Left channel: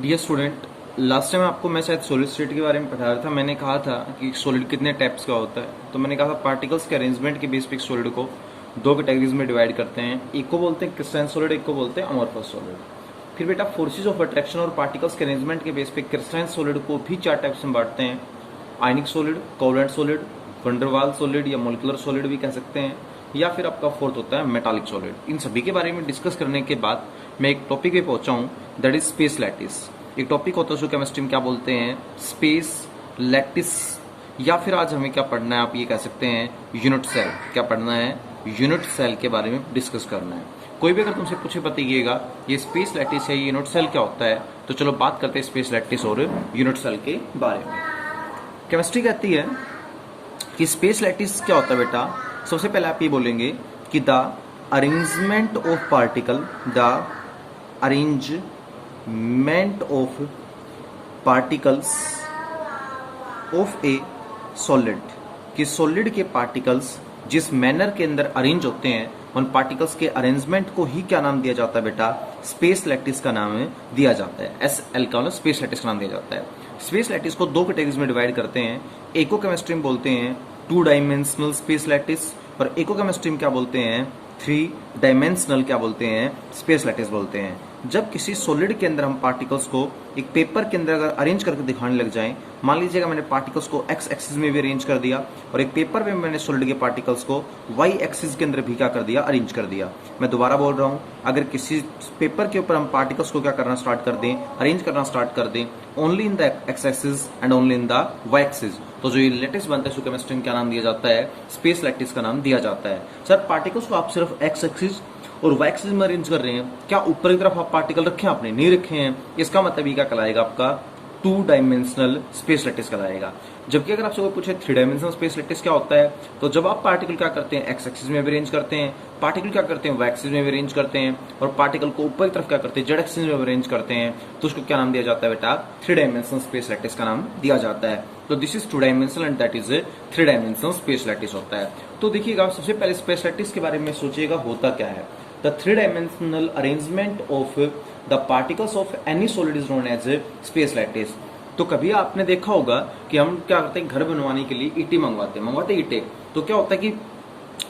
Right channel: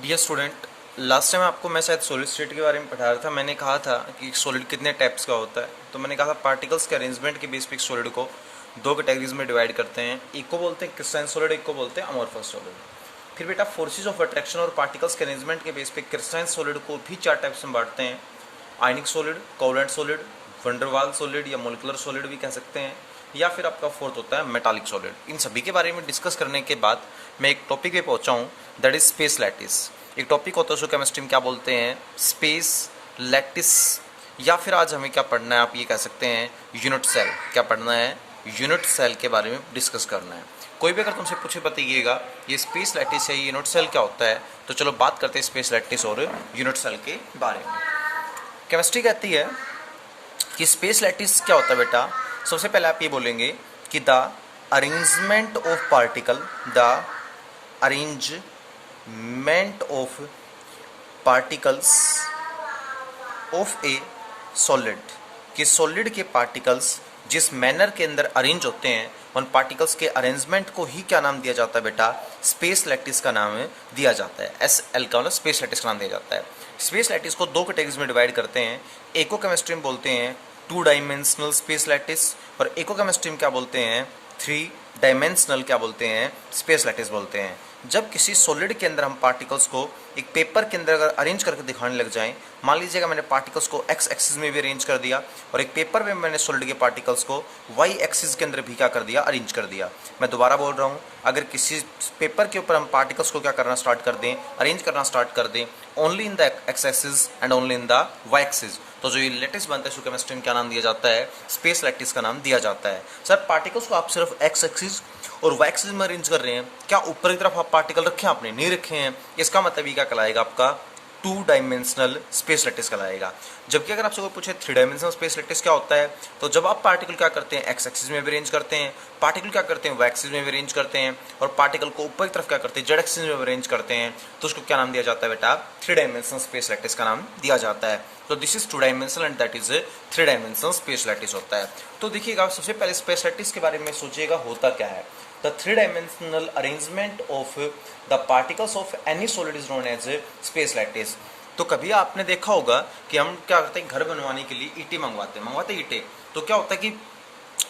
Dear student, last time आपको मैं शायद सॉलिड स्टेट के बारे में पढ़ा रहा था। मैंने कहा था कि सॉलिड कितने टाइप्स का होता है। तो मैंने कहा था पार्टिकल्स के अरेंजमेंट के बेस पे सॉलिड को दो कैटेगरीज में डिवाइड करते हैं। एक को बोलते हैं क्रिस्टलाइन सॉलिड, एक को बोलते हैं अमॉर्फस सॉलिड। फिर बेटा फोर्सेज ऑफ अट्रैक्शन और पार्टिकल्स के अरेंजमेंट के बेस पे क्रिस्टलाइन सॉलिड को भी चार टाइप्स में बांटते हैं। आयनिक solid, covalent solid, van der Waals solid या मोलिकुलर सॉलिड भी कह सकते हैं, या फिर आपका फोर्थ होता है मेटालिक सॉलिड। इन सभी के बारे में डिस्कस करने के बाद मैं एक टॉपिक पे पहुंचा हूँ, दैट इज स्पेस लैटिस। एक टॉपिक होता है जो केमिस्ट्री में क्या बोलते हैं, स्पेस लैटिस, या फिर आज हमें क्या पढ़ना है, आप ये कह सकते हैं यूनिट सेल। क्या पढ़ना है? यूनिट सेल के बारे में डिस्कस करना है। कोई भी अगर तुमसे पूछे बताइएगा ये स्पेस लैटिस है, यूनिट सेल क्या होता है, तो चलो बात करते हैं स्पेस लैटिस और यूनिट सेल के बारे में। केमिस्ट्री कहती है कि स्पेस लैटिस क्या होता है बेटा। सबसे पहले आप ये बोलेंगे कि the arrangement of particle, the arrangement of particles of a solid, कि सॉलिड के पार्टिकल्स जिस मैनर के अंदर अरेंज होते हैं उन पार्टिकल्स के अरेंजमेंट को ही क्या नाम दिया जाता है बेटा? स्पेस लैटिस का नाम दिया जाता है। एस एल का स्पेस लैटिस का नाम दिया जाता है। स्पेस लैटिस को दो कैटेगरीज में डिवाइड करते हैं। एको केमिस्ट्री में बोलते हैं टू डायमेंशनल स्पेस लैटिस, और एको केमिस्ट्री में क्या बोलते हैं? थ्री डायमेंशनल क्या बोलते हैं? स्पेस लैटिस बोलते हैं। जब किसी सॉलिड के अंदर हम पार्टिकल्स को एक पेपर के अंदर अगर अरेंज करके दिखाने लग जाएं, मान लीजिएगा मैंने पार्टिकल्स को एक्स एक्सिस में भी अरेंज कर दिया और एक पेपर में मैंने सॉलिड के पार्टिकल्स को वाई एक्सिस के अंदर भी क्या कर दिया? अरेंज कर दिया। मैं दोबारा बोल रहा हूँ, अगर किसी पेपर के ऊपर हम पार्टिकल्स को क्या करना स्टार्ट कर दें, अरेंज करना स्टार्ट कर दें only in the X axis and only in the Y axis, तो जो ये लैटिस बनता है उसको केमिस्ट्री में क्या नाम दिया जाता है? स्पेस लैटिस का नाम दिया जाता है। सर पार्टिकल्स को आप सिर्फ एक्स एक्सिस और वाई एक्सिस में अरेंज कर रहे हैं, क्या ऊपर की तरफ आप पार्टिकल रखे हैं? आपने नहीं रखे हैं। इसका मतलब ये क्या कहलाएगा? आपका टू डायमेंशनल स्पेस लैटिस कहलाएगा। जबकि अगर आपसे कोई पूछे थ्री डायमेंशनल स्पेस लैटिस क्या होता है, तो जब आप पार्टिकल क्या करते हैं? एक्स एक्सिस में भी अरेंज करते हैं, पार्टिकल क्या करते हैं? वाई एक्सिस में भी अरेंज करते हैं, और पार्टिकल को ऊपर की तरफ क्या करते हैं? जेड एक्सिस में भी अरेंज करते हैं, तो उसको क्या नाम दिया जाता है बेटा? थ्री डायमेंशनल स्पेस लैटिस का नाम दिया जाता है। तो this is two dimensional and that is three dimensional space lattice होता है। तो देखिएगा, सबसे पहले स्पेस लैटिस के बारे में सोचिएगा होता क्या है। The three-dimensional arrangement of the particles of any solid is known as space lattice। तो कभी आपने देखा होगा कि हम क्या करते हैं, घर बनवाने के लिए ईंटें मंगवाते हैं ईंटें। तो क्या होता है कि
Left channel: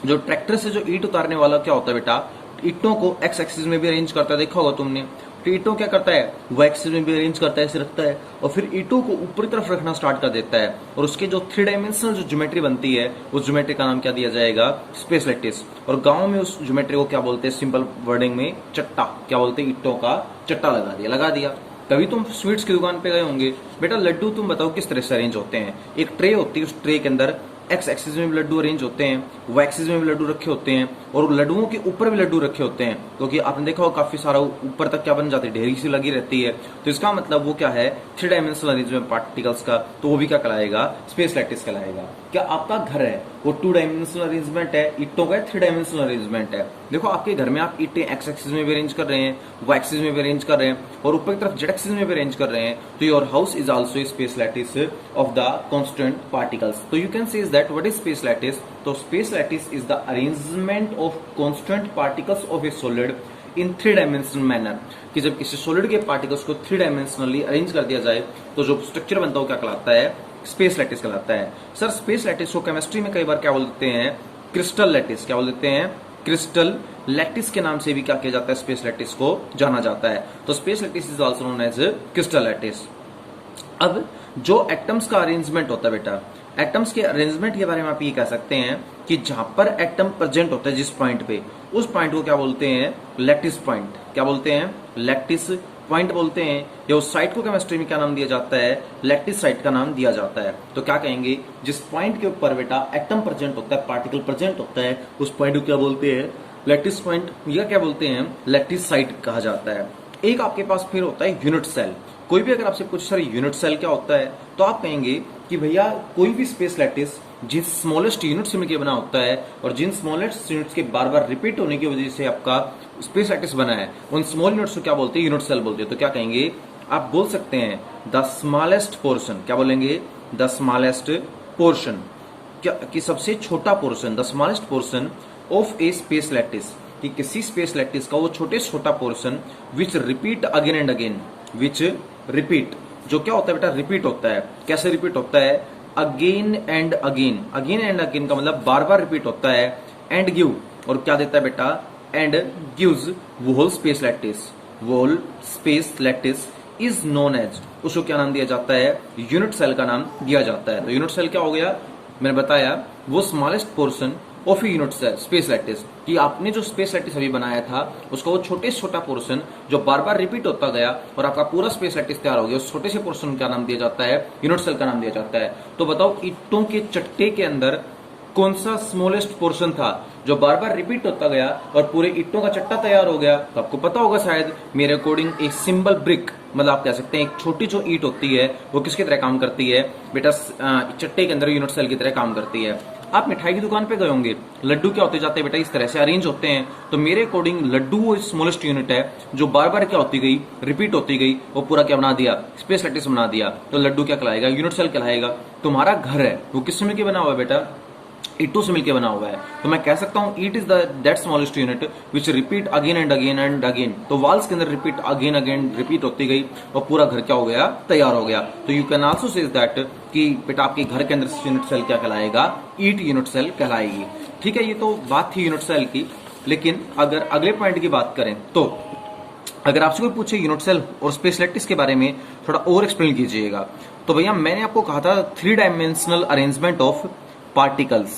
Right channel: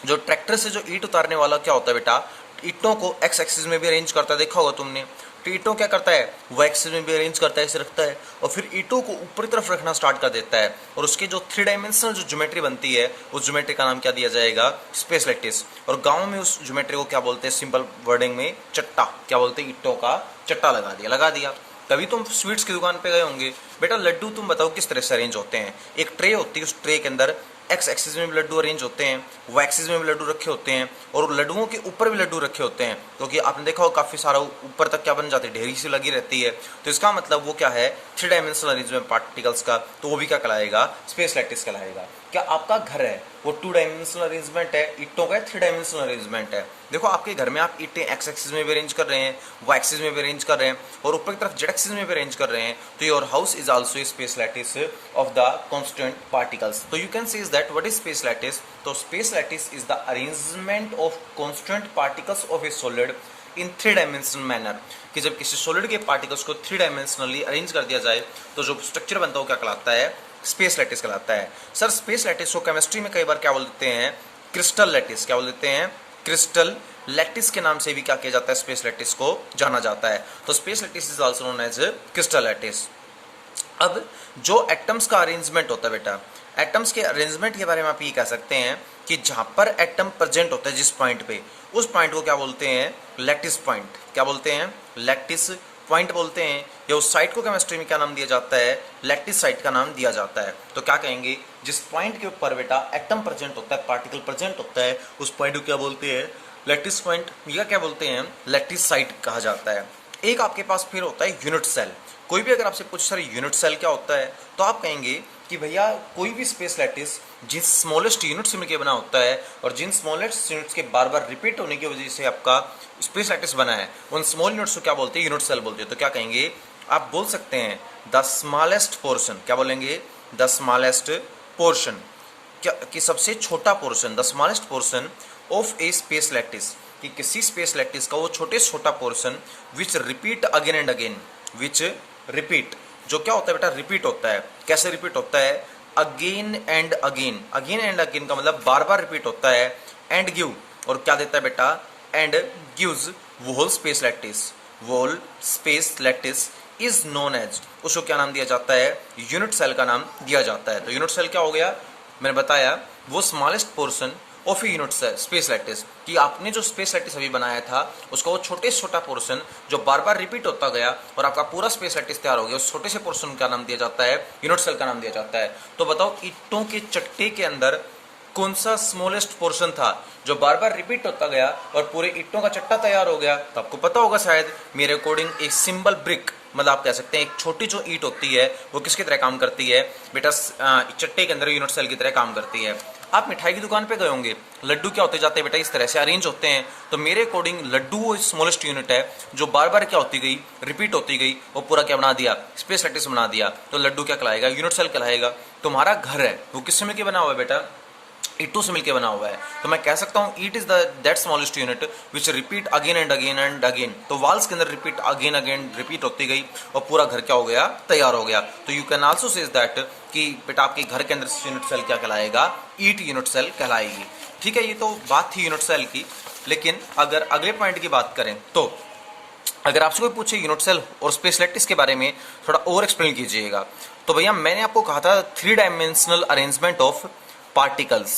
जो ट्रैक्टर से जो ईंट उतारने वाला क्या होता है बेटा, ईंटों को एक्स एक्सिस में भी अरेंज करता है, देखा होगा तुमने। तो ईंटों क्या करता है? वो एक्सिस में भी अरेंज करता है, ऐसे रखता है, और फिर ईंटों को ऊपर तरफ रखना स्टार्ट कर देता है, और उसकी जो थ्री डायमेंशनल जो ज्योमेट्री बनती है उस ज्योमेट्री का नाम क्या दिया जाएगा? Space lattice. और गाँव में उस ज्योमेट्री को क्या बोलते हैं? सिंपल वर्डिंग में चट्टा। क्या बोलते हैं? ईंटों का चट्टा लगा दिया। कभी तुम स्वीट्स की दुकान पे गए होंगे, बेटा लड्डू तुम बताओ किस तरह से अरेंज होते हैं? एक ट्रे होती है, उस ट्रे के अंदर एक्स एक्सिस में भी लड्डू अरेंज होते हैं, वाई एक्सिस में भी लड्डू रखे होते हैं, और लड्डुओं के ऊपर भी लड्डू रखे होते हैं, क्योंकि आपने देखा हो काफ़ी सारा ऊपर तक क्या बन जाती है? ढेरी सी लगी रहती है। तो इसका मतलब वो क्या है? थ्री डायमेंशनल अरेंजमेंट पार्टिकल्स का, तो वो भी क्या कहलाएगा? स्पेस लैटिस कहलाएगा। क्या आपका घर है वो टू डायमेंशनल अरेंजमेंट है, ईंटों का थ्री डायमेंशनल अरेंजमेंट है? देखो आपके घर में आप ईंटें एक्स एक्सिस में भी अरेंज कर रहे हैं, वाई एक्सिस में भी अरेंज कर रहे हैं, और ऊपर की तरफ जेड एक्सिस में भी अरेंज कर रहे हैं, तो your house is also space lattice of the constant particles. तो you can say that what is space lattice? तो space lattice is the arrangement of constant particles of a solid in three dimensional manner, कि जब किसी solid के particles को three dimensionally arrange कर दिया जाए तो जो स्ट्रक्चर बनता है वो क्या कहलाता है? स्पेस लैटिस कहलाता है। सर स्पेस लैटिस को केमिस्ट्री में कई बार क्या बोल देते हैं? Crystal lattice. क्या बोल देते हैं? क्रिस्टल लैटिस के नाम से भी क्या किया जाता है? स्पेस लैटिस को जाना जाता है। तो space lattice is also known as crystal lattice. अब जो एटम्स का अरेंजमेंट होता है बेटा, एटम्स के अरेंजमेंट के बारे में आप ये कह सकते हैं कि जहां पर एटम प्रेजेंट होता है जिस पॉइंट पे, उस पॉइंट को क्या बोलते हैं? Lattice point. क्या बोलते हैं? लैटिस पॉइंट बोलते हैं। या उस साइट को केमिस्ट्री में क्या नाम दिया जाता है? लैटिस साइट का नाम दिया जाता है। तो क्या कहेंगे? जिस पॉइंट के ऊपर बेटा एटम प्रेजेंट होता है, पार्टिकल प्रेजेंट होता है, उस पॉइंट को क्या बोलते हैं? लैटिस पॉइंट, या क्या बोलते हैं? लैटिस साइट कहा जाता है। एक आपके पास फिर होता है यूनिट सेल। कोई भी अगर आपसे पूछे सर यूनिट सेल क्या होता है, तो आप कहेंगे कि भैया कोई भी स्पेस लैटिस जिस स्मॉलेस्ट यूनिट से मिलकर बना होता है, और जिन स्मॉलेस्ट यूनिट्स के बार बार रिपीट होने की वजह से आपका स्पेस लैटिस बना है, उन स्मॉल यूनिट्स को क्या बोलते हैं? यूनिट सेल बोलते हैं। तो क्या कहेंगे? आप बोल सकते हैं द स्मॉलेस्ट पोर्शन। क्या बोलेंगे? द स्मॉलेस्ट पोर्शन, क्या कि सबसे छोटा portion, the smallest portion of A space lattice, कि किसी स्पेस लैटिस का वो छोटे छोटा portion which repeat again and again, which repeat, जो क्या होता है बेटा, रिपीट होता है। कैसे रिपीट होता है, again and again, again and again का मतलब बार बार रिपीट होता है। एंड गिव, और क्या देता है बेटा, and gives whole space lattice, whole space lattice is known as, उसको क्या नाम दिया जाता है, यूनिट सेल का नाम दिया जाता है। तो यूनिट सेल क्या हो गया, मैंने बताया वो smallest portion of unit cell space lattice, कि आपने जो स्पेस लैटिस अभी बनाया था उसका वो छोटे से छोटा पोर्शन जो बार बार रिपीट होता गया और आपका पूरा स्पेस लैटिस तैयार हो गया, उस छोटे से पोर्शन का नाम दिया जाता है यूनिट सेल का नाम दिया जाता है। तो बताओ ईंटों के चट्टे के अंदर कौन सा स्मॉलेस्ट पोर्शन था जो बार बार रिपीट होता गया और पूरे ईंटों का चट्टा तैयार हो गया। तो आपको पता होगा शायद, मेरे अकॉर्डिंग एक सिंबल ब्रिक, मतलब आप कह सकते हैं एक छोटी जो ईंट होती है वो किसकी तरह काम करती है बेटा, चट्टे के अंदर यूनिट सेल की तरह काम करती है। आप मिठाई की दुकान पे गए होंगे, लड्डू क्या होते जाते हैं बेटा, इस तरह से अरेंज होते हैं। तो मेरे अकॉर्डिंग लड्डू वो स्मॉलेस्ट यूनिट है जो बार बार क्या होती गई, रिपीट होती गई, वो पूरा क्या बना दिया, स्पेस लैटिस बना दिया। तो लड्डू क्या कहलाएगा, यूनिट सेल कहलाएगा। तुम्हारा घर है वो किससे मिलकर बना हुआ है बेटा, ईटों से मिलकर बना हुआ है। तो मैं कह सकता हूँ eat is that smallest unit which repeat again and again and again. तो वॉल्स के अंदर रिपीट अगेन अगेन रिपीट होती गई और पूरा घर क्या हो गया, तैयार हो गया। तो you can also say that कि बेटा आपके घर के अंदर यूनिट सेल क्या कहलाएगा, ईट यूनिट सेल कहलाएगी। ठीक है, ये तो बात थी यूनिट सेल की। लेकिन अगर अगले पॉइंट की बात करें तो अगर आपसे कोई पूछे यूनिट सेल और स्पेस लैटिस के बारे में थोड़ा और एक्सप्लेन कीजिएगा, तो भैया मैंने आपको कहा था 3 dimensional arrangement of particles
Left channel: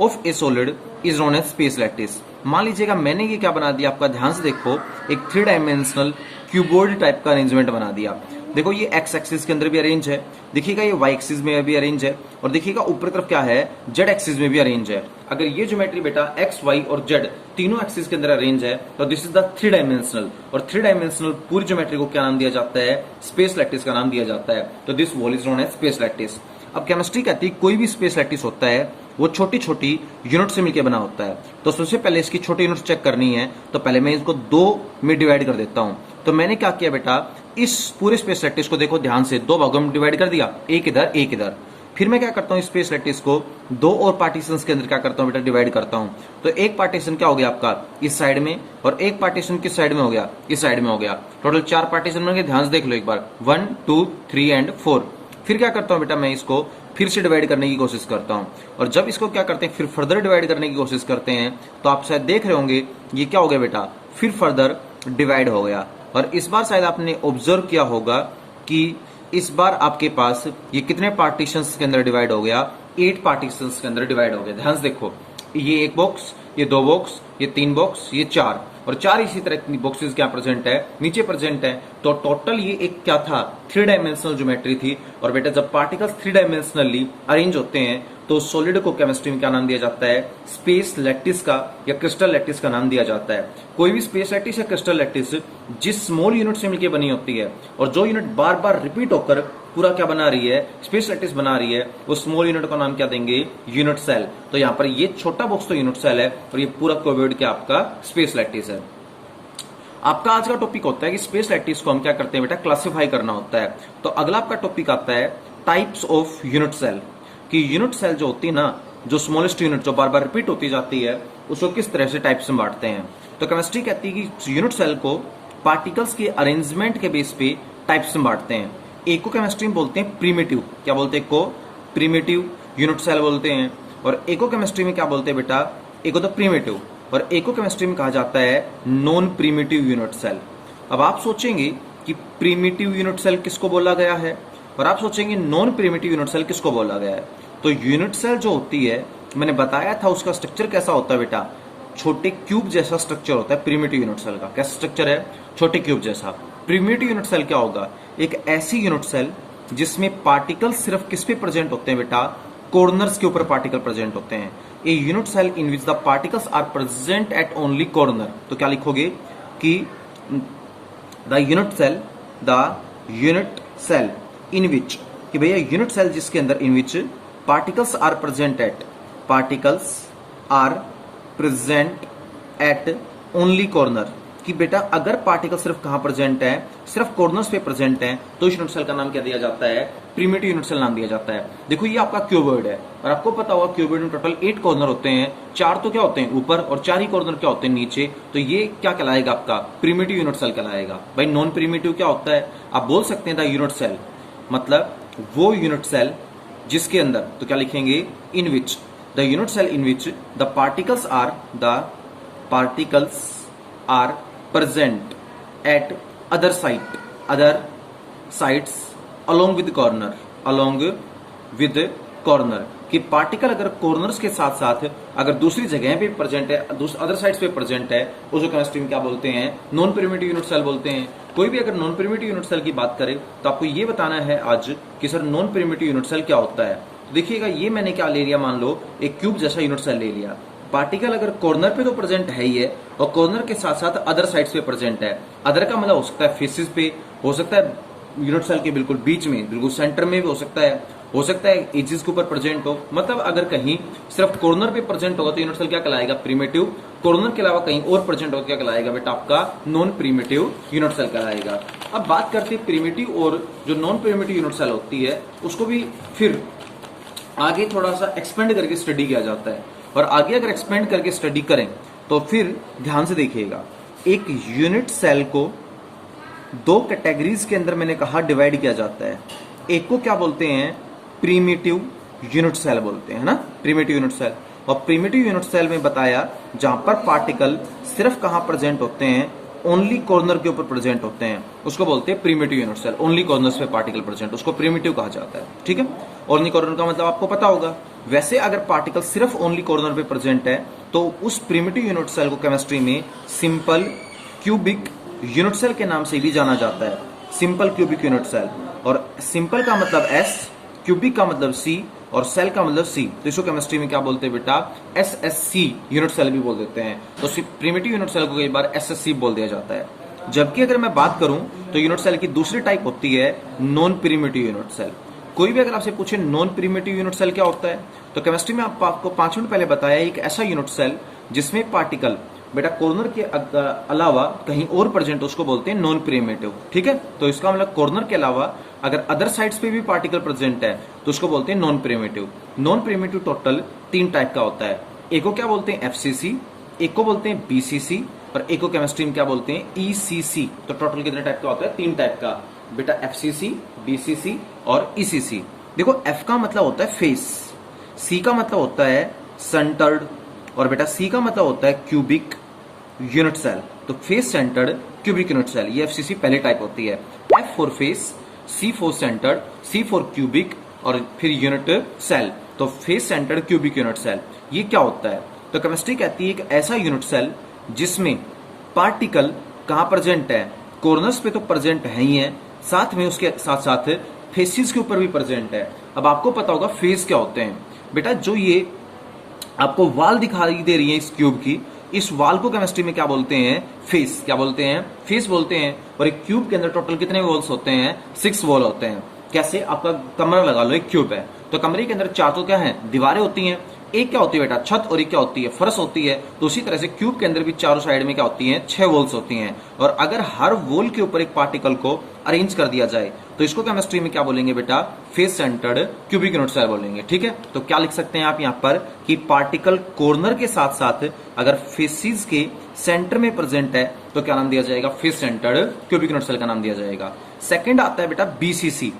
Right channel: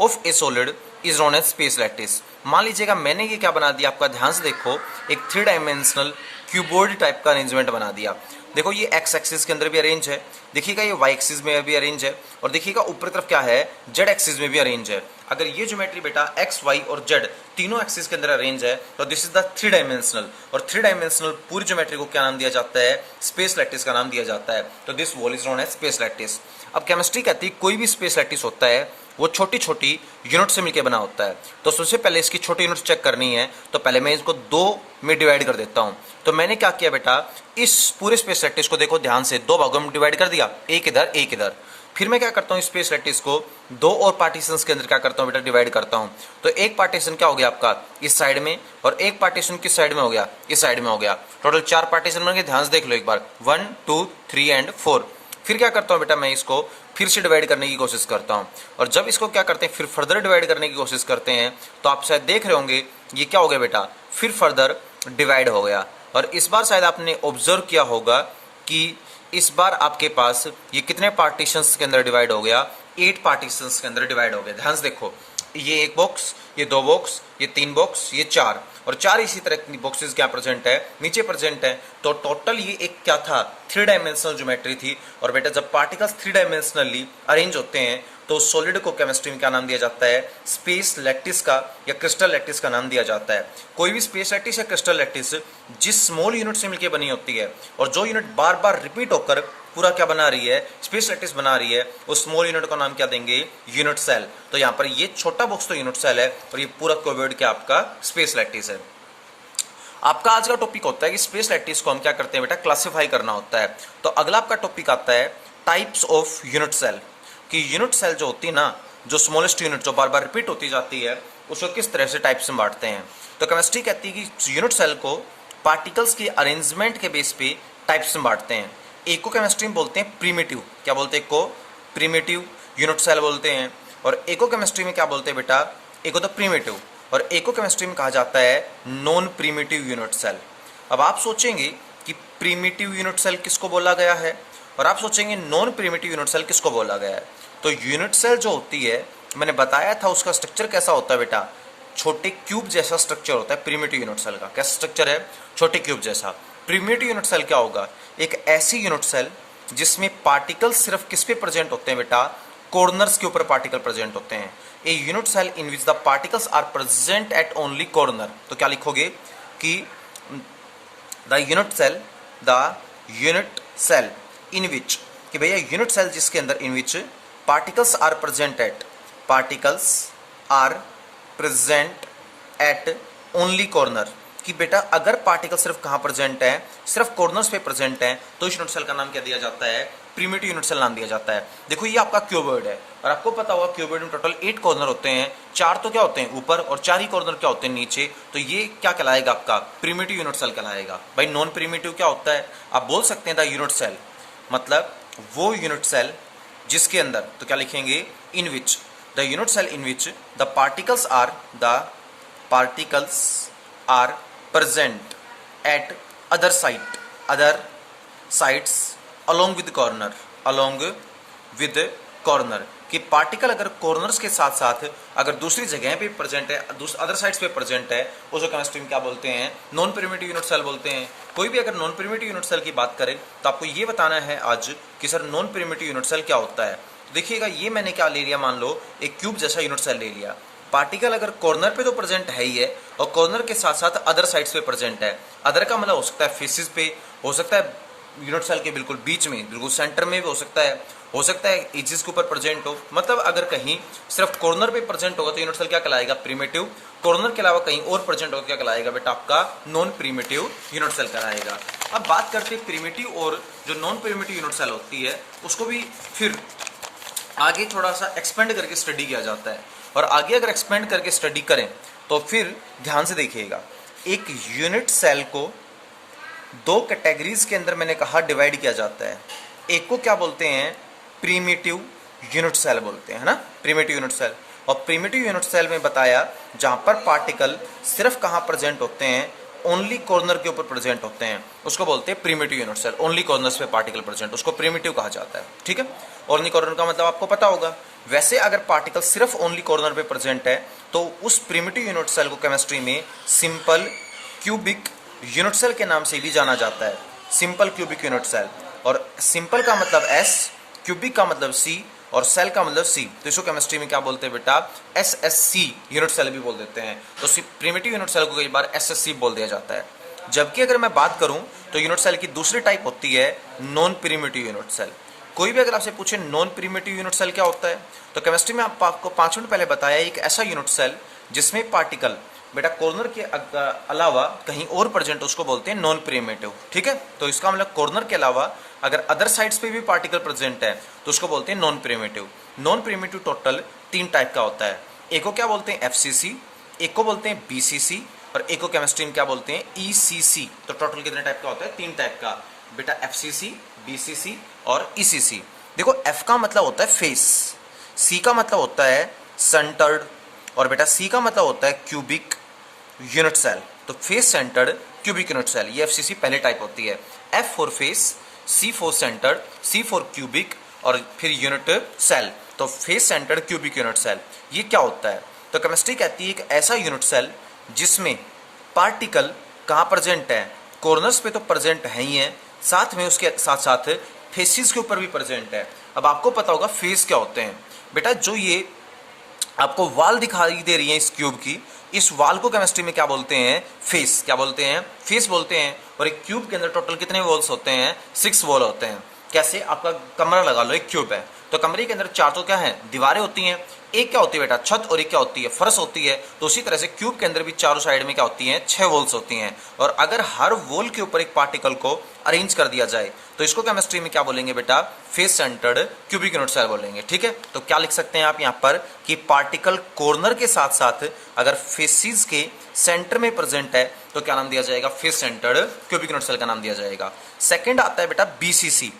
of a solid is known as space lattice. मान लीजिएगा मैंने ये क्या बना दिया, आपका ध्यान से देखो, एक 3 डायमेंशनल क्यूबॉइड टाइप का अरेंजमेंट बना दिया। देखो ये एक्स एक्सिस के अंदर भी अरेंज है, देखिएगा ये वाई एक्सिस में भी अरेंज है, और देखिएगा ऊपर तरफ क्या है, जेड एक्सिस में भी अरेंज है। अगर ये ज्योमेट्री बेटा एक्स वाई और जेड तीनों एक्सिस के अंदर अरेंज है तो दिस इज द 3 डायमेंशनल। और 3 डायमेंशनल पूरी ज्योमेट्री को क्या नाम दिया जाता है, स्पेस लैटिस का नाम दिया जाता है। तो this wall is known as space lattice. अब केमिस्ट्री कहती है कोई भी स्पेस लैटिस होता है वो छोटी छोटी यूनिट से मिलकर बना होता है। तो सबसे पहले इसकी छोटी यूनिट चेक करनी है, तो पहले मैं इसको 2 में डिवाइड कर देता हूं। तो मैंने क्या किया बेटा, इस पूरे स्पेस लैटिस को देखो ध्यान से 2 भागों में डिवाइड कर दिया, एक इधर एक इधर। फिर मैं क्या करता हूँ, स्पेस लैटिस को 2 और पार्टीशंस के अंदर क्या करता हूँ बेटा, डिवाइड करता हूँ। तो एक पार्टीशन क्या हो गया आपका इस साइड में, और एक पार्टीशन किस साइड में हो गया, इस साइड में हो गया। टोटल 4 पार्टीशन बन गए, ध्यान से देख लो एक बार, 1 2 3 एंड 4। फिर क्या करता हूँ बेटा, मैं इसको फिर से डिवाइड करने की कोशिश करता हूँ, और जब इसको क्या करते हैं फिर फर्दर डिवाइड करने की कोशिश करते हैं, तो आप शायद देख रहे होंगे ये क्या हो गया बेटा, फिर फर्दर डिवाइड हो गया। और इस बार शायद आपने ऑब्जर्व किया होगा कि इस बार आपके पास ये कितने पार्टीशंस के अंदर डिवाइड हो गया, 8 पार्टीशंस के अंदर डिवाइड हो गया। ध्यान से देखो, ये 1 बॉक्स, ये 2 बॉक्स, ये 3 बॉक्स, ये 4, और 4 इसी तरह की बॉक्सेस क्या प्रेजेंट है, नीचे प्रेजेंट है। तो टोटल ये एक क्या था, 3 डायमेंशनल ज्योमेट्री थी। और बेटा जब पार्टिकल्स 3 डायमेंशनली अरेंज होते हैं तो सॉलिड को केमिस्ट्री में क्या नाम दिया जाता है, स्पेस लैटिस का या क्रिस्टल लैटिस का नाम दिया जाता है। कोई भी स्पेस लैटिस या क्रिस्टल लैटिस जिस स्मॉल यूनिट से मिलकर बनी होती है और जो यूनिट बार बार रिपीट होकर पूरा क्या बना रही है, स्पेस लैटिस बना रही है, उस स्मॉल यूनिट का नाम क्या देंगे, यूनिट सेल। तो यहाँ पर ये छोटा बॉक्स तो यूनिट सेल है और ये पूरा क्यूबॉइड क्या आपका स्पेस लैटिस है। आपका आज का टॉपिक होता है कि स्पेस लैटिस को हम क्या करते हैं बेटा, क्लासिफाई करना होता है। तो अगला आपका टॉपिक आता है टाइप्स ऑफ यूनिट सेल, कि यूनिट सेल जो होती है ना, जो स्मॉलेस्ट यूनिट जो बार बार रिपीट होती जाती है, उसको किस तरह से टाइप्स में बांटते हैं। तो केमिस्ट्री कहती है कि यूनिट सेल को पार्टिकल्स के अरेंजमेंट के बेस पे टाइप्स में बांटते हैं। एक को केमिस्ट्री में बोलते हैं प्रीमिटिव, क्या बोलते हैं, को प्रीमिटिव यूनिट सेल बोलते हैं। और एको केमिस्ट्री में क्या बोलते हैं बेटा, एको तो प्रीमिटिव, और एको केमिस्ट्री में कहा जाता है नॉन प्रीमिटिव यूनिट सेल। अब आप सोचेंगे कि प्रीमिटिव यूनिट सेल किसको बोला गया है, और आप सोचेंगे नॉन प्रीमिटिव यूनिट सेल किसको बोला गया है। तो यूनिट सेल जो होती है, मैंने बताया था उसका स्ट्रक्चर कैसा होता है बेटा, छोटे क्यूब जैसा स्ट्रक्चर होता है प्रीमिटिव यूनिट सेल का। कैसा स्ट्रक्चर है, छोटे क्यूब जैसा। प्रीमिटिव यूनिट सेल क्या होगा, एक ऐसी यूनिट सेल जिसमें पार्टिकल सिर्फ किस पे प्रेजेंट होते हैं बेटा, कॉर्नर्स के ऊपर पार्टिकल प्रेजेंट होते हैं। A unit cell in which the particles are present at only corner. तो क्या लिखोगे कि the unit cell in which, कि भैया यूनिट सेल जिसके अंदर in which particles are present at only corner, कि बेटा अगर पार्टिकल सिर्फ कहाँ प्रेजेंट है, सिर्फ कॉर्नर्स पे प्रेजेंट है, तो इस यूनिट सेल का नाम क्या दिया जाता है, प्रिमिटिव यूनिट सेल नाम दिया जाता है। देखो ये आपका क्यूबॉइड है और आपको पता होगा क्यूबॉइड में टोटल 8 कॉर्नर होते हैं, 4 तो क्या होते हैं ऊपर और 4 ही कॉर्नर क्या होते हैं नीचे, तो ये क्या कहलाएगा आपका प्रिमिटिव यूनिट सेल कहलाएगा। भाई नॉन प्रिमिटिव क्या होता है, आप बोल सकते हैं द यूनिट सेल, मतलब वो यूनिट सेल जिसके अंदर, तो क्या लिखेंगे, in which, the unit cell in which the particles are present at other sides along with corner कि पार्टिकल अगर कॉर्नर्स के साथ साथ अगर दूसरी जगह पे प्रेजेंट है, अदर साइड्स पे प्रेजेंट है, उसको केमिस्ट्री में क्या बोलते हैं, नॉन प्रिमिटिव यूनिट सेल बोलते हैं। कोई भी अगर नॉन प्रिमिटिव यूनिट सेल की बात करें तो आपको ये बताना है आज कि sir non primitive unit cell क्या होता है। तो देखिएगा ये मैंने क्या ले लिया, मान लो एक क्यूब जैसा यूनिट सेल ले लिया, पार्टिकल अगर कॉर्नर पे तो प्रेजेंट है ही है और कॉर्नर के साथ साथ अदर साइड्स पे प्रेजेंट है। अदर का मतलब हो सकता है फेसेस पे, हो सकता है यूनिट सेल के बिल्कुल बीच में, बिल्कुल सेंटर में भी हो सकता है एजेस के ऊपर प्रेजेंट हो। मतलब अगर कहीं सिर्फ कॉर्नर पे प्रेजेंट होगा तो यूनिट सेल क्या कहलाएगा, प्रिमिटिव। कॉर्नर के अलावा कहीं और प्रेजेंट होगा क्या कहलाएगा बेटा, आपका नॉन प्रिमिटिव यूनिट सेल कहलाएगा। अब बात करते हैं प्रिमिटिव और जो नॉन प्रिमिटिव यूनिट सेल होती है उसको भी फिर आगे थोड़ा सा एक्सपेंड करके स्टडी किया जाता है। और आगे अगर एक्सपेंड करके स्टडी करें तो फिर ध्यान से देखिएगा, एक यूनिट सेल को 2 कैटेगरीज के अंदर मैंने कहा डिवाइड किया जाता है। एक को क्या बोलते हैं, प्रिमिटिव यूनिट सेल बोलते हैं, है ना, प्रिमिटिव यूनिट सेल। और प्रिमिटिव यूनिट सेल में बताया जहां पर पार्टिकल सिर्फ कहां प्रेजेंट होते हैं, ओनली कॉर्नर के ऊपर प्रेजेंट होते हैं, उसको बोलते हैं primitive unit cell. Only corners पे पार्टिकल प्रेजेंट, उसको प्रिमिटिव कहा जाता है, ठीक है। ओनली कॉर्नर का मतलब आपको पता होगा। वैसे अगर पार्टिकल सिर्फ ओनली कॉर्नर पे प्रेजेंट है तो उस प्रिमिटिव यूनिट सेल को केमिस्ट्री में सिंपल क्यूबिक यूनिट सेल के नाम से भी जाना जाता है, सिंपल क्यूबिक यूनिट सेल। और सिंपल का मतलब S, क्यूबिक का मतलब C और सेल का मतलब C, तो इसको केमिस्ट्री में क्या बोलते हैं बेटा, SSC यूनिट सेल भी बोल देते हैं। तो प्रिमिटिव यूनिट सेल को कई बार SSC बोल दिया जाता है। जबकि अगर मैं बात करूं तो यूनिट सेल की दूसरी टाइप होती है नॉन प्रिमिटिव यूनिट सेल। कोई भी अगर आपसे पूछे नॉन प्रिमिटिव यूनिट सेल क्या होता है, तो केमिस्ट्री में आपको 5 मिनट पहले बताया एक ऐसा यूनिट सेल जिसमें पार्टिकल बेटा कॉर्नर के अलावा कहीं और प्रेजेंट, उसको बोलते हैं नॉन प्रिमिटिव, ठीक है। तो इसका मतलब कॉर्नर के अलावा अगर अदर साइड्स पे भी पार्टिकल प्रेजेंट है तो उसको बोलते हैं non primitive. Non primitive total 3 type का होता है। एक को क्या बोलते हैं FCC, एक को बोलते हैं BCC और एक को केमिस्ट्री में क्या बोलते हैं ECC। तो टोटल कितने टाइप का होता है, 3 टाइप का बेटा, FCC, BCC और ECC। देखो F का मतलब होता है फेस, C का मतलब होता है सेंटर्ड और बेटा C का मतलब होता है क्यूबिक यूनिट सेल। तो face centred cubic unit cell, ये FCC पहली टाइप होती है। F for face, C for centred, C for cubic और फिर यूनिट सेल, तो face centred cubic unit cell. ये क्या होता है, तो केमिस्ट्री कहती है एक ऐसा यूनिट सेल जिसमें पार्टिकल कहाँ प्रेजेंट है, कॉर्नर्स पे तो प्रेजेंट है ही है, साथ में उसके साथ साथ फेसिस के ऊपर भी प्रेजेंट है। अब आपको पता होगा फेस क्या होते हैं बेटा, जो ये आपको वाल दिखाई दे रही है इस क्यूब की, इस वाल को केमिस्ट्री में क्या बोलते हैं, फेस। क्या बोलते हैं, फेस बोलते हैं। और एक क्यूब के अंदर टोटल कितने वॉल्स होते हैं, 6 वॉल होते हैं। कैसे, आपका कमरा लगा लो, एक क्यूब है तो कमरे के अंदर 4 तो क्या है, दीवारें होती हैं, एक क्या होती है बेटा, छत, और एक क्या होती है, फर्श होती है। तो उसी तरह से क्यूब के अंदर भी चारों साइड में क्या होती हैं, 6 वॉल्स होती हैं। और अगर हर वॉल के ऊपर एक पार्टिकल को अरेंज कर दिया जाए तो इसको केमिस्ट्री में क्या बोलेंगे बेटा, face centred cubic unit cell बोलेंगे, ठीक है। तो क्या लिख सकते हैं आप यहाँ पर कि पार्टिकल कॉर्नर के साथ साथ अगर फेसिस के सेंटर में प्रेजेंट है तो क्या नाम दिया जाएगा, face centred cubic unit cell का नाम दिया जाएगा। सेकेंड आता है बेटा BCC।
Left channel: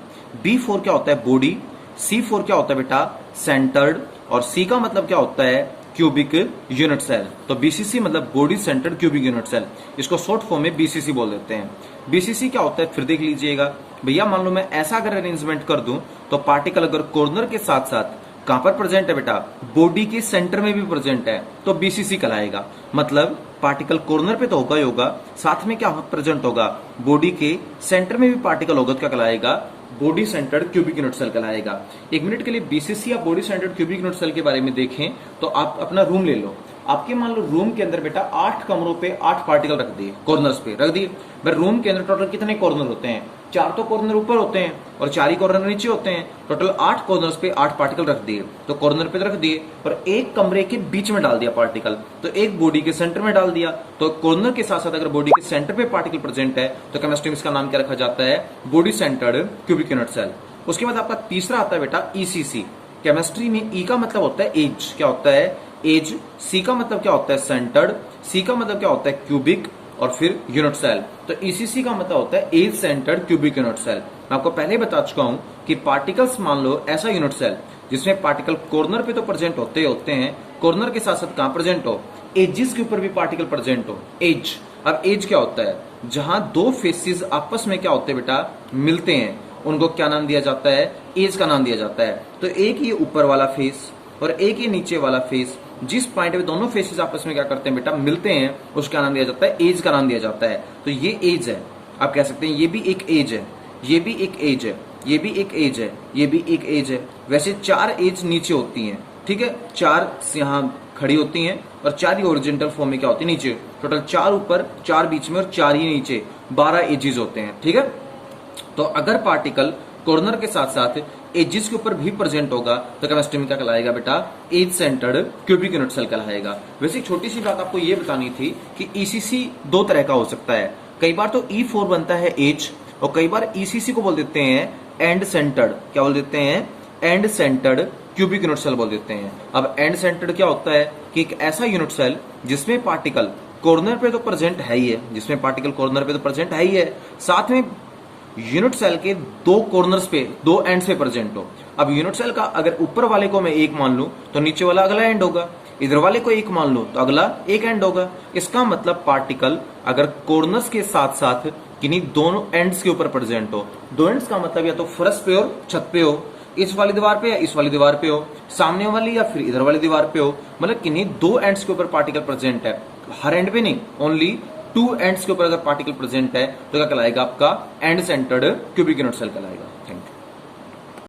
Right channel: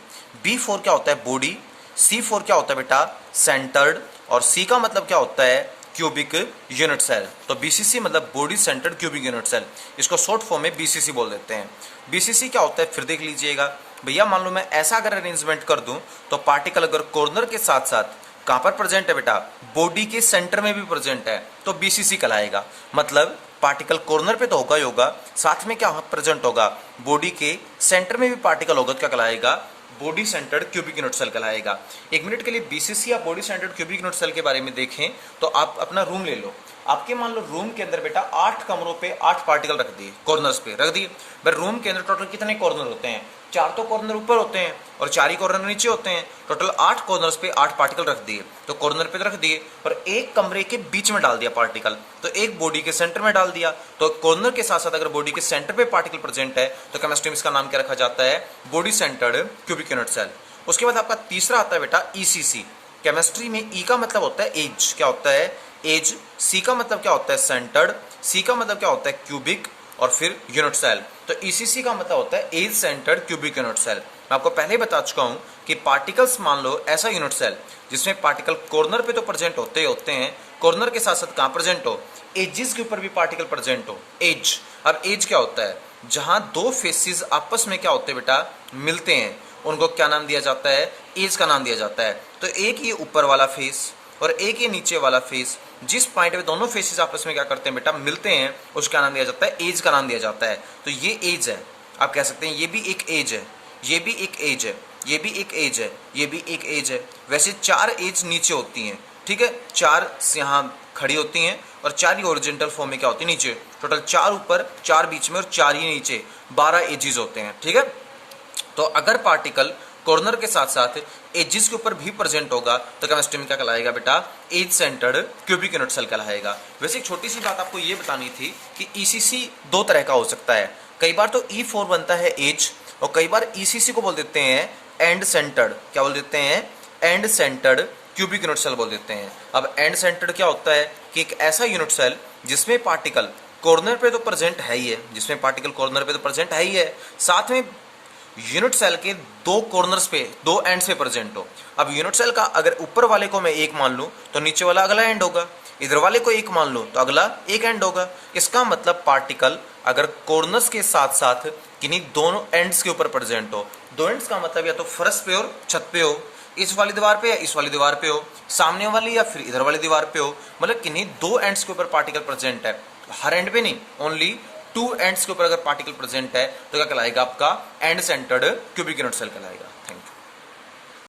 B फॉर क्या होता है, बॉडी। C फॉर क्या होता है बेटा, सेंटर्ड। और C का मतलब क्या होता है, क्यूबिक यूनिट सेल। तो BCC मतलब body centred cubic unit cell, इसको शॉर्ट फॉर्म में BCC बोल देते हैं। BCC क्या होता है, फिर देख लीजिएगा भैया, मान लो मैं ऐसा अगर अरेंजमेंट कर दूं तो पार्टिकल अगर कॉर्नर के साथ साथ कहां पर प्रेजेंट है बेटा, बॉडी के सेंटर में भी प्रेजेंट है तो BCC कहलाएगा। मतलब पार्टिकल कॉर्नर पे तो होगा ही होगा, साथ में क्या प्रेजेंट होगा, बॉडी के सेंटर में भी पार्टिकल होगा, तो क्या कहलाएगा, body centred cubic unit cell कहलाएगा। 1 मिनट के लिए BCC या body centred cubic unit cell के बारे में देखें तो आप अपना रूम ले लो, आपके मान लो रूम के अंदर बेटा 8 कमरों पे 8 पार्टिकल रख दिए, कॉर्नर्स पे रख दिए। भाई रूम के अंदर टोटल कितने कॉर्नर होते हैं? 4 तो कॉर्नर ऊपर होते हैं और 4 ही कॉर्नर नीचे होते हैं। टोटल 8 कॉर्नर्स पे 8 पार्टिकल रख दिए, तो कॉर्नर पे रख दिए और एक कमरे के बीच में डाल दिया पार्टिकल, तो एक बॉडी के सेंटर में डाल दिया। तो कॉर्नर के साथ साथ अगर बॉडी के सेंटर पे पार्टिकल प्रेजेंट है तो केमिस्ट्री में इसका नाम क्या रखा जाता है? Body centred cubic unit cell. उसके बाद आपका तीसरा आता है बेटा ईसीसी। केमिस्ट्री में ई का मतलब होता है एज, क्या होता है? एज। सी का मतलब क्या होता है? सेंटर्ड। सी का मतलब क्या होता है? क्यूबिक। और फिर यूनिट सेल। तो ईसीसी का मतलब होता है edge centred cubic unit cell. मैं आपको पहले ही बता चुका हूं कि पार्टिकल्स, मान लो ऐसा यूनिट सेल जिसमें पार्टिकल कॉर्नर पे तो प्रेजेंट होते ही होते हैं, कॉर्नर के साथ साथ कहां प्रेजेंट हो? एजिस के ऊपर भी पार्टिकल प्रेजेंट हो, एज। अब एज क्या होता है? जहां दो फेसेस आपस में क्या होते हैं बेटा? मिलते हैं, उनको क्या नाम दिया जाता है? एज का नाम दिया जाता है। तो एक ये ऊपर वाला फेस और एक ये नीचे वाला फेस, जिस पॉइंट पे दोनों फेसेस आपस में क्या करते हैं बेटा? मिलते हैं, उसका नाम दिया जाता है एज का नाम दिया जाता है। तो ये एज है, आप कह सकते हैं ये भी एक एज है, ये भी एक एज है, ये भी एक एज है, ये भी एक एज है। वैसे 4 एज नीचे होती हैं, ठीक है, 4 यहाँ खड़ी होती हैं और 4 ही ओरिजेंटल फॉर्म में क्या होती है? नीचे। टोटल 4 ऊपर, 4 बीच में और 4 ही नीचे, 12 एजेस होते हैं, ठीक है। तो अगर पार्टिकल कॉर्नर के साथ साथ एजिस के ऊपर भी प्रेजेंट होगा तो केमिस्ट्री में क्या कहलाएगा बेटा? Edge centred cubic unit cell कहलाएगा। वैसे एक छोटी सी बात आपको ये बतानी थी कि ईसीसी 2 तरह का हो सकता है। कई बार तो E4 बनता है एज, और कई बार ईसीसी को बोल देते हैं एंड सेंटर्ड। क्या बोल देते हैं? End centred cubic unit cell बोल देते हैं। अब एंड सेंटर्ड क्या होता है कि एक ऐसा यूनिट सेल जिसमें पार्टिकल कॉर्नर पे तो प्रेजेंट है ही है, जिसमें पार्टिकल कॉर्नर पे तो प्रेजेंट है ही है, साथ में यूनिट सेल के 2 कॉर्नर्स पे, 2 एंड्स पे प्रेजेंट हो। अब यूनिट सेल का अगर ऊपर वाले को मैं एक मान लूं तो नीचे वाला अगला एंड होगा, इधर वाले को एक मान लूं तो अगला एक एंड होगा। इसका मतलब पार्टिकल अगर कॉर्नर्स के साथ साथ किन्हीं दोनों एंड्स के ऊपर प्रेजेंट हो, दो एंड्स का मतलब या तो फर्श पे हो, छत पे हो, इस वाली दीवार पे या इस वाली दीवार पे हो, सामने वाली या फिर इधर वाली दीवार पे हो, मतलब किन्हीं 2 एंड्स के ऊपर पार्टिकल प्रेजेंट है, हर एंड पे नहीं, ओनली 2 एंड्स के ऊपर अगर पार्टिकल प्रेजेंट है तो क्या कहलाएगा? आपका end centred cubic unit cell कहलाएगा।